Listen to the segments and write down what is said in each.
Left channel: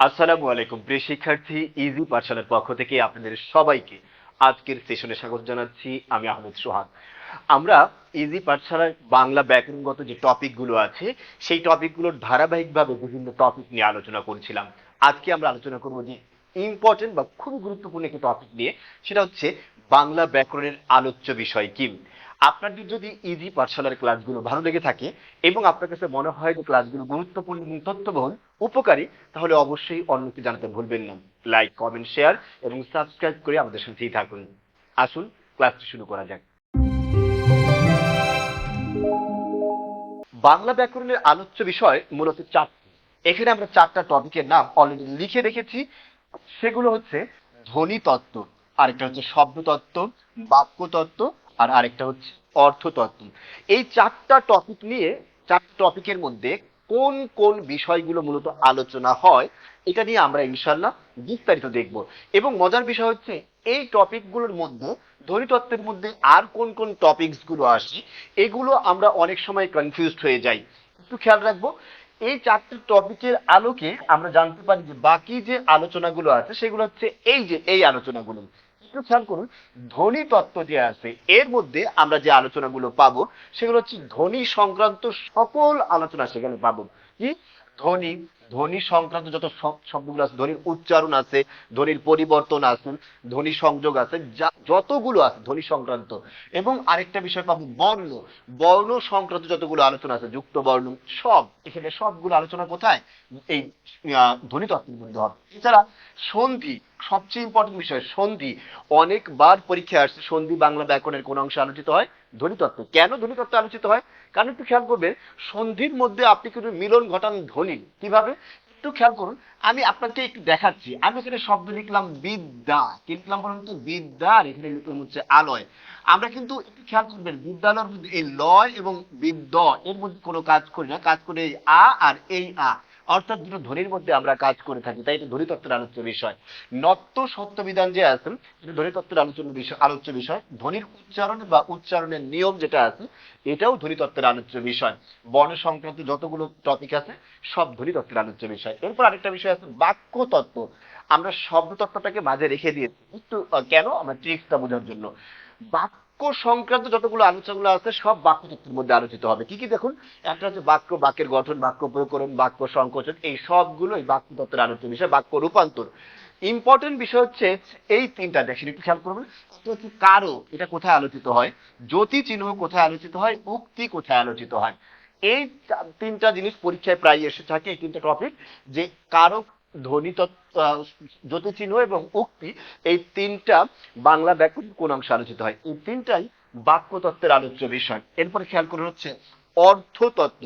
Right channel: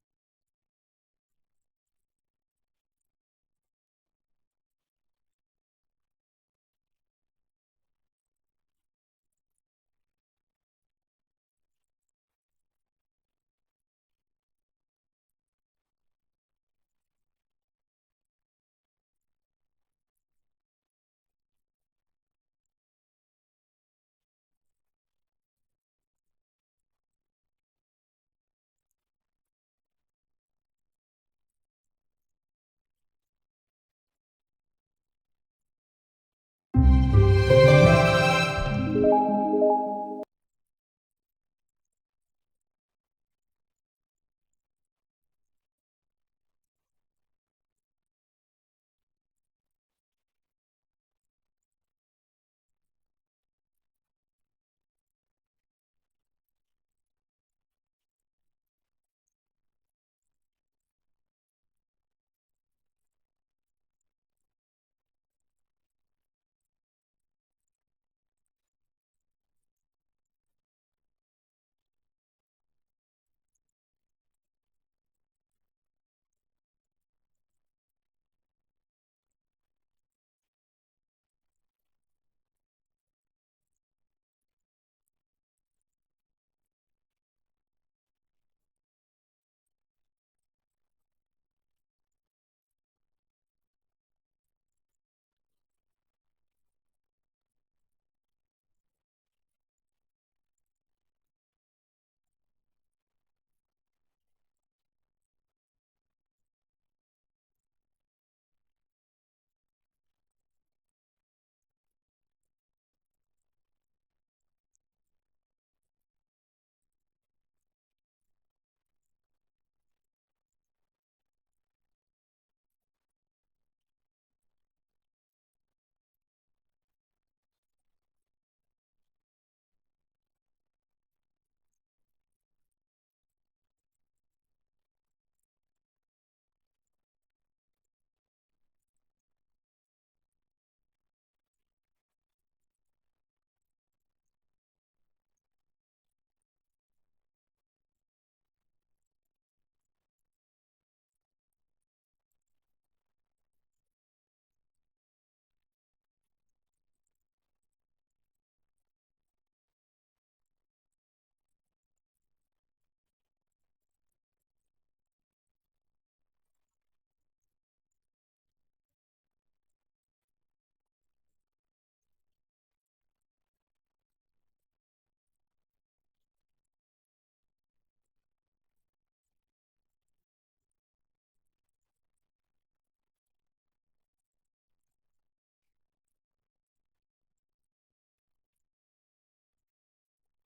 আসসালামু আলাইকুম প্রিয় শিক্ষার্থী, ইজি পাঠশালার পক্ষ থেকে আপনাদের সবাইকে আজকের সেশনে স্বাগত জানাচ্ছি। আমি আহমেদ সোহাগ। আমরা ইজি পাঠশালার বাংলা ব্যাকরণগত যে টপিকগুলো আছে সেই টপিকগুলোর ধারাবাহিকভাবে বিভিন্ন টপিক নিয়ে আলোচনা করছিলাম। আজকে আমরা আলোচনা করব যে ইম্পর্টেন্ট বা খুব গুরুত্বপূর্ণ একটি টপিক নিয়ে, সেটা হচ্ছে বাংলা ব্যাকরণের আলোচ্য বিষয় কি। আপনাদের যদি ইজি পাঠশালার ক্লাসগুলো ভালো লেগে থাকে এবং আপনার কাছে মনে হয় যে ক্লাসগুলো গুরুত্বপূর্ণ এবং তথ্যবহুল, উপকারী, তাহলে অবশ্যই অন্যকে জানাতে ভুলবেন না। লাইক, কমেন্ট, শেয়ার এবং সাবস্ক্রাইব করে আমাদের সাথেই থাকুন। আসুন ক্লাসটি শুরু করা যাক। বাংলা ব্যাকরণের আলোচ্য বিষয় মূলত চারটি। এখানে আমরা চারটা টপিকের নাম অলরেডি লিখে রেখেছি। সেগুলো হচ্ছে ধ্বনিতত্ত্ব, আরেকটা হচ্ছে শব্দতত্ত্ব, বাক্যতত্ত্ব, আর আরেকটা হচ্ছে অর্থতত্ত্ব। এই চারটা টপিক নিয়ে, চারটা টপিকের মধ্যে কোন কোন বিষয়গুলো মূলত আলোচনা হয়, এটা নিয়ে আমরা ইনশাল্লাহ বিস্তারিত দেখব। এবং মজার বিষয় হচ্ছে এই টপিকগুলোর মধ্যে, ধ্বনিতত্ত্বের মধ্যে আর কোন কোন টপিকস গুলো আসে, এগুলো আমরা অনেক সময় কনফিউজড হয়ে যাই। একটু খেয়াল রাখবো, এই চারটি টপিকের আলোকে আমরা জানতে পারি যে বাকি যে আলোচনাগুলো আছে সেগুলো হচ্ছে এই আলোচনাগুলো। একটু খেয়াল করুন, ধ্বনি তত্ত্ব যে আছে এর মধ্যে আমরা যে আলোচনাগুলো পাবো সেগুলো হচ্ছে ধ্বনি সংক্রান্ত সকল আলোচনা সেখানে পাবো। কি? ধ্বনি, ধ্বনি সংক্রান্ত যত শব্দগুলো আছে, ধ্বনির উচ্চারণ আছে, ধ্বনির পরিবর্তন আছে, ধ্বনি সংযোগ আছে, যতগুলো আছে ধ্বনি সংক্রান্ত। এবং আরেকটা বিষয় পাবো বর্ণ, বর্ণ সংক্রান্ত যতগুলো আলোচনা আছে, যুক্ত বর্ণ, সব এখানে সবগুলো আলোচনা কোথায়? এই ধ্বনিতত্ত্বের মধ্যে হবে। এছাড়া সন্ধি, সবচেয়ে ইম্পর্টেন্ট বিষয় সন্ধি। অনেকবার পরীক্ষায় আসছে সন্ধি বাংলা ব্যাকরণের কোন অংশে আলোচিত হয়? ধ্বনিতত্ত্ব। কেন ধ্বনিতত্ত্ব আলোচিত হয়? কারণ একটু খেয়াল করবেন, সন্ধির মধ্যে আপনি কিন্তু মিলন ঘটান ধ্বনি। কিভাবে? একটু খেয়াল করুন, আমি আপনাকে একটু দেখাচ্ছি। আমি এখানে শব্দ লিখলাম বিদ্যা, কি লিখলাম বলুন তো? বিদ্যা। আর এখানে লিখলাম হচ্ছে আলয়। আমরা কিন্তু একটু খেয়াল করবেন, বিদ্যালয়ের মধ্যে এই লয় এবং বিদ্য এর মধ্যে কোনো কাজ করি না, কাজ করে এই আ আর এই আ, অর্থাৎ দুটো ধ্বনির মধ্যে আমরা কাজ করে থাকি। তাই এটা ধ্বনিতত্ত্বের আলোচ্য বিষয়। নত্য সত্য বিধান যে আছে, এটা ধ্বনিতত্ত্বের আলোচ্য বিষয়। ধ্বনির উচ্চারণ বা উচ্চারণের নিয়ম যেটা আছে, এটাও ধ্বনিতত্ত্বের আলোচ্য বিষয়। বর্ণ সংক্রান্ত যতগুলো টপিক আছে সব ধ্বনিতত্ত্বের আলোচ্য বিষয়। এরপর আরেকটা বিষয় আছে বাক্য তত্ত্ব। আমরা শব্দ তত্ত্বটাকে মাঝে রেখে দিয়েছি একটু, কেন? আমরা ট্রিক্সটা বোঝার জন্য। বাক্য সংক্রান্ত যতগুলো আলোচনাগুলো আছে সব বাক্য তত্ত্বের মধ্যে আলোচিত হবে। কি কি দেখুন, একটা হচ্ছে বাক্য, বাক্যের গঠন, বাক্য প্রয়োগকরণ, বাক্য সংকোচন, এই সবগুলোই বাক্য তত্ত্বের আলোচ্য বিষয়। বাক্য রূপান্তর, ইম্পর্টেন্ট বিষয় হচ্ছে এই তিনটা। দেখেন একটু খেয়াল করবেন, একটা হচ্ছে কারো, এটা কোথায় আলোচিত হয়? জ্যোতি চিহ্ন কোথায় আলোচিত হয়? উক্তি কোথায় আলোচিত হয়? এই তিনটা জিনিস পরীক্ষায় প্রায় এসে থাকে, এই তিনটা টপিক। যে কারক, ধ্বনিতত্ত্ব, জ্যোতিচিহ্ন এবং উক্তি, এই তিনটা বাংলা ব্যাকরণ কোন অংশে আলোচিত হয়? এই তিনটাই বাক্যতত্ত্বের আলোচ্য বিষয়। এরপরে খেয়াল করুন হচ্ছে অর্থতত্ত্ব।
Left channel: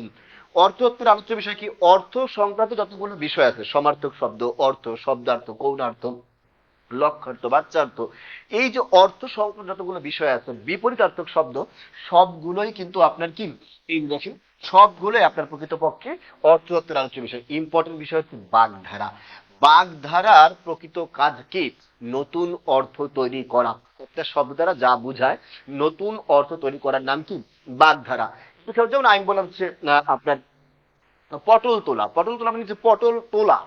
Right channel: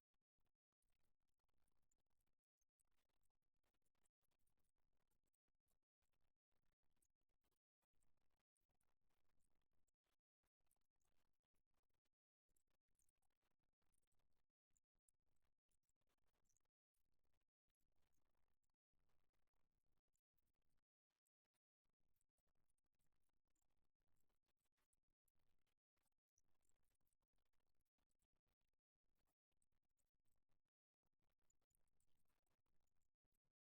অর্থতত্ত্বের আলোচ্য বিষয় কি? অর্থ সংক্রান্ত যতগুলো বিষয় আছে, সমার্থক শব্দ, অর্থ, শব্দার্থ, গৌণার্থ, লক্ষ্যার্থ, বাচ্যার্থ, এই যে অর্থ সংক্রান্ত যতগুলো বিষয় আছে, বিপরীতার্থক শব্দ, সবগুলোই কিন্তু আপনার কি, এই দেখেন, সবগুলোই আপনার প্রকৃতপক্ষে অর্থতত্ত্বের আলোচ্য বিষয়। ইম্পর্টেন্ট বিষয় হচ্ছে বাগধারা। বাগধারার প্রকৃত কাজ কি? নতুন অর্থ তৈরি করা। একটা শব্দ দ্বারা যা বোঝায়, নতুন অর্থ তৈরি করার নাম কি? বাগধারা। যেমন আমি বললাম হচ্ছে আপনার পটল তোলা। পটল তোলা মানে যে পটল তোলা,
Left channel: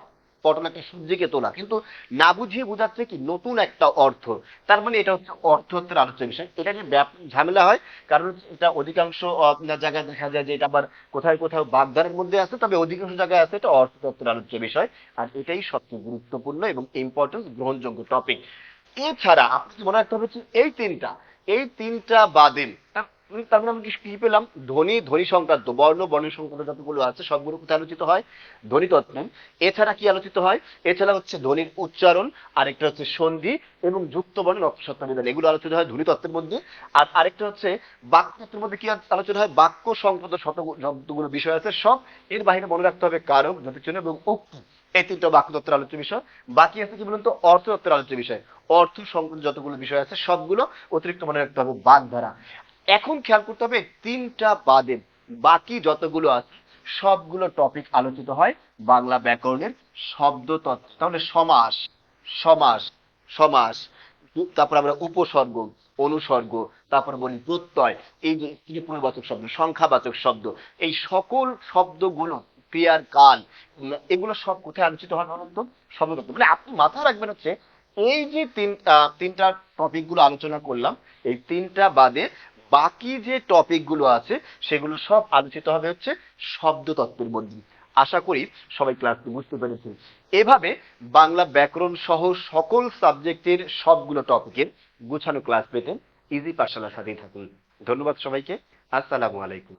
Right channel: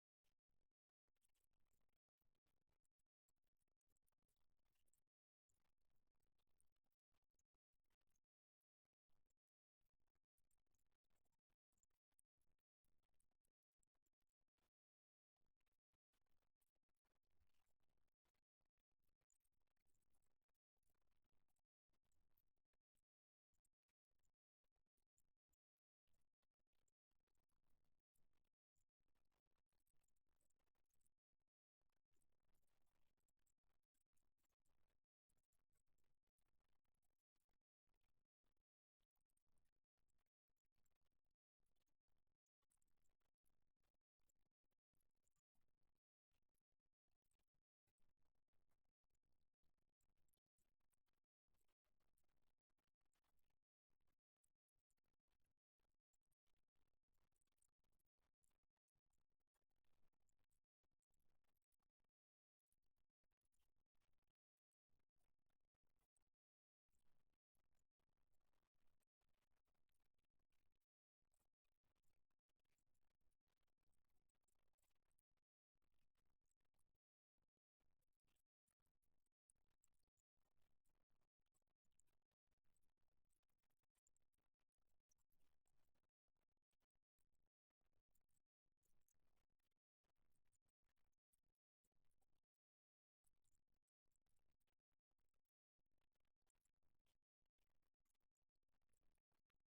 পটল একটা সবজিকে তোলা, কিন্তু না বুঝিয়ে বোঝাচ্ছে কি নতুন একটা অর্থ। তার মানে এটা হচ্ছে অর্থতত্ত্বের আলোচ্য বিষয়। এটা নিয়ে ব্যাপক ঝামেলা হয়, কারণ এটা অধিকাংশ আপনার জায়গায় দেখা যায় যে এটা আবার কোথায় কোথাও বাগধারার মধ্যে আছে, তবে অধিকাংশ জায়গায় আছে এটা অর্থতত্ত্বের আলোচ্য বিষয়। আর এটাই সবচেয়ে গুরুত্বপূর্ণ এবং ইম্পর্টেন্ট গ্রহণযোগ্য টপিক। এছাড়া আপনাকে মনে রাখতে হবে যে এই তিনটা বাদে তার মানে আমরা কি পেলাম? ধ্বনি, ধ্বনি সংক্রান্ত, বর্ণ, বর্ণ সংক্রান্ত যতগুলো আছে সবগুলো কোথায় আলোচিত হয়? ধ্বনিতত্ত্বে। এছাড়া কি আলোচিত হয়? এছাড়া হচ্ছে ধ্বনির উচ্চারণ, আরেকটা হচ্ছে সন্ধি এবং যুক্ত বর্ণ, নক্ষত্র বিধান, এগুলো আলোচিত হয় ধ্বনিতত্ত্বের মধ্যে। আর আরেকটা হচ্ছে বাক্যতত্ত্বের মধ্যে কি আলোচনা হয়? বাক্য সংক্রান্ত যতগুলো বিষয় আছে সব। এর বাইরে মনে রাখতে হবে কারক, যতিচিহ্ন এবং উক্তি, এই তিনটা বাক্যতত্ত্বের আলোচ্য বিষয়। বাকি আছে কি বলুন তো? অর্থতত্ত্বের আলোচ্য বিষয়। অর্থ সংক্রান্ত যতগুলো বিষয় আছে সবগুলো। অতিরিক্ত মনে রাখতে হবে বাগধারা। এখন খেয়াল করতে হবে তিনটা বাদে বাকি যতগুলো আছে সবগুলো টপিক আলোচিত হয় বাংলা ব্যাকরণের শব্দতত্ত্ব। তাহলে সমাস, সমাস, সমাস, তারপর আমরা উপসর্গ, অনুসর্গ, তারপর বলি প্রত্যয়, এই যে পূর্ণবাচক শব্দ, সংখ্যাবাচক শব্দ, এই সকল শব্দগুলো ক্রিয়ার কাল, এগুলো সব কোথায় আলোচিত হয় বলুন তো? শব্দতত্ত্ব। মানে আপনি মাথায় রাখবেন হচ্ছে এই যে তিনটা টপিক গুলো আলোচনা করলাম, এই তিনটা বাদে বাকি যে টপিক গুলো আছে সেগুলো সব আলোচিত হবে হচ্ছে শব্দতত্ত্বের মধ্যে। আশা করি সবাই ক্লাসটি বুঝতে পেরেছেন। এভাবে বাংলা ব্যাকরণ সহ সকল সাবজেক্টের সবগুলো টপিকের গুছানো ক্লাস পেতে ইজি পাঠশালার সাথেই থাকুন। ধন্যবাদ সবাইকে। আসসালামু আলাইকুম।